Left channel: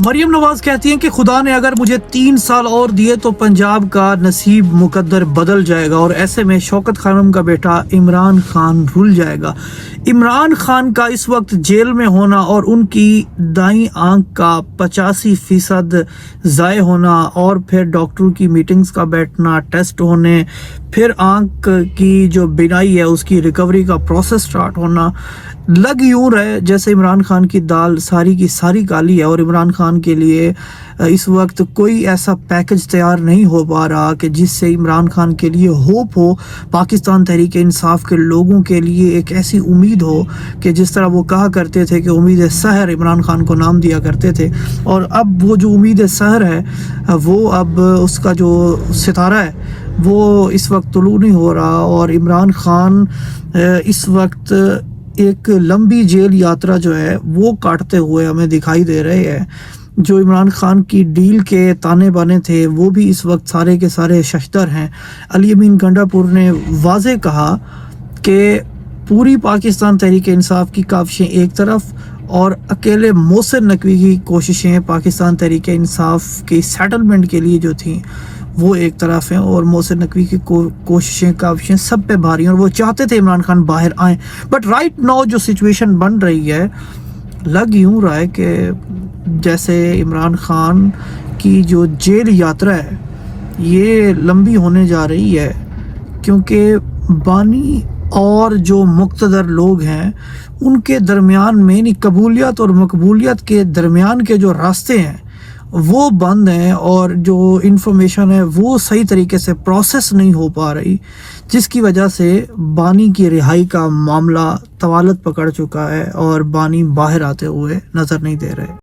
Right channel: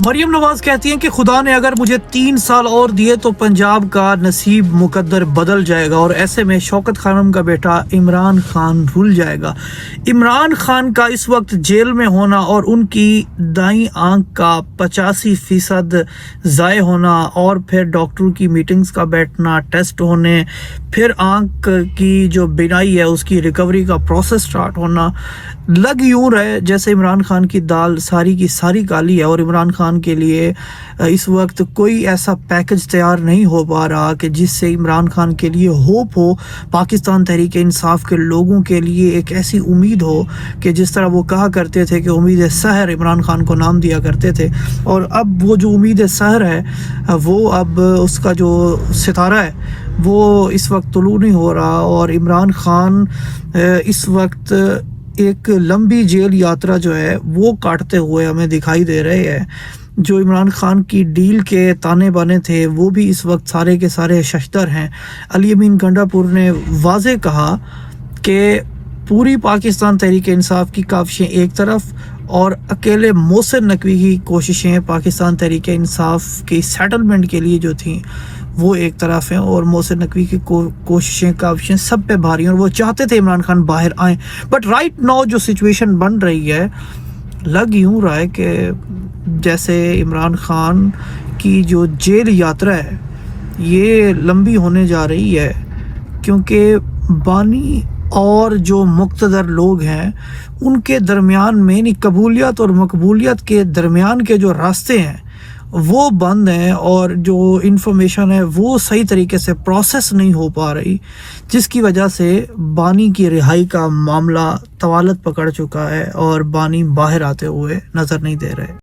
मरियम नवाज कहती हैं कि खुदा ने अगर मुझे 3 साल और दिए तो पंजाब का नसीब मुकद्दर बदल जाएगा और ऐसे में शौकत खानम का बेटा इमरान खान रुल जाएगा। इमरान खान का इस वक्त जेल में होना और उनकी दाईं आंख का 85% ज़ाय होना और फिर डॉक्टरों की मीटिंग्स का बैठना, टेस्ट होने, फिर आंख की जो बिनाई है उसकी रिकवरी का प्रोसेस स्टार्ट होना, लग यूं रहे जैसे इमरान खान की दाल सारी की सारी काली है और इमरान खान के लिए इस वक्त कोई ऐसा पैकेज तैयार नहीं हो पा रहा कि जिससे इमरान खान के लिए होप हो, पाकिस्तान तहरीक इंसाफ के लोगों के लिए एक ऐसी उम्मीद हो कि जिस तरह वो कहा करते थे कि उम्मीद सहर इमरान खान को नाम दिया करते थे। और अब वो जो उम्मीद सहर है वो अब उसका जो सितारा है वो इस वक्त तुलू नहीं हो रहा और इमरान खान इस वक्त एक लंबी जेल यात्रा जो है वो काटते हुए हमें दिखाई दे रहे हैं। जो इमरान खान की डील के ताने बाने थे वो भी इस वक्त सारे के सारे शश्तर हैं। अली अमीन गंडापुर ने वाज़े कहा कि पूरी पाकिस्तान तहरीक इंसाफ की काविशें एक तरफ और अकेले मोहसिन नकवी की कोशिशें पाकिस्तान तहरीक इंसाफ के सेटलमेंट के लिए जो थी वो एक तरफ है और मोहसिन नकवी की कोशिशें काविशें सब पे भारी हैं और वो चाहते थे इमरान खान बाहर आए। बट राइट नाउ जो सिचुएशन बन रही है लग यूं रहा है कि जैसे इमरान खान की जो जेल यात्रा है ये लंबी होने जा रही है, क्योंकि बानी और जो मुक्तदर लोग हैं उनके दरमियान में यानी कबूलियत और मकबूलियत के दरमियान के जो रास्ते हैं वो बंद हैं और जो इंफॉर्मेशन है वो सही तरीके से प्रोसेस नहीं हो पा रही, जिसकी वजह से बानी की रिहाई का मामला तवालत पकड़ चुका है और बानी बाहर आते हुए नजर नहीं दे रहे।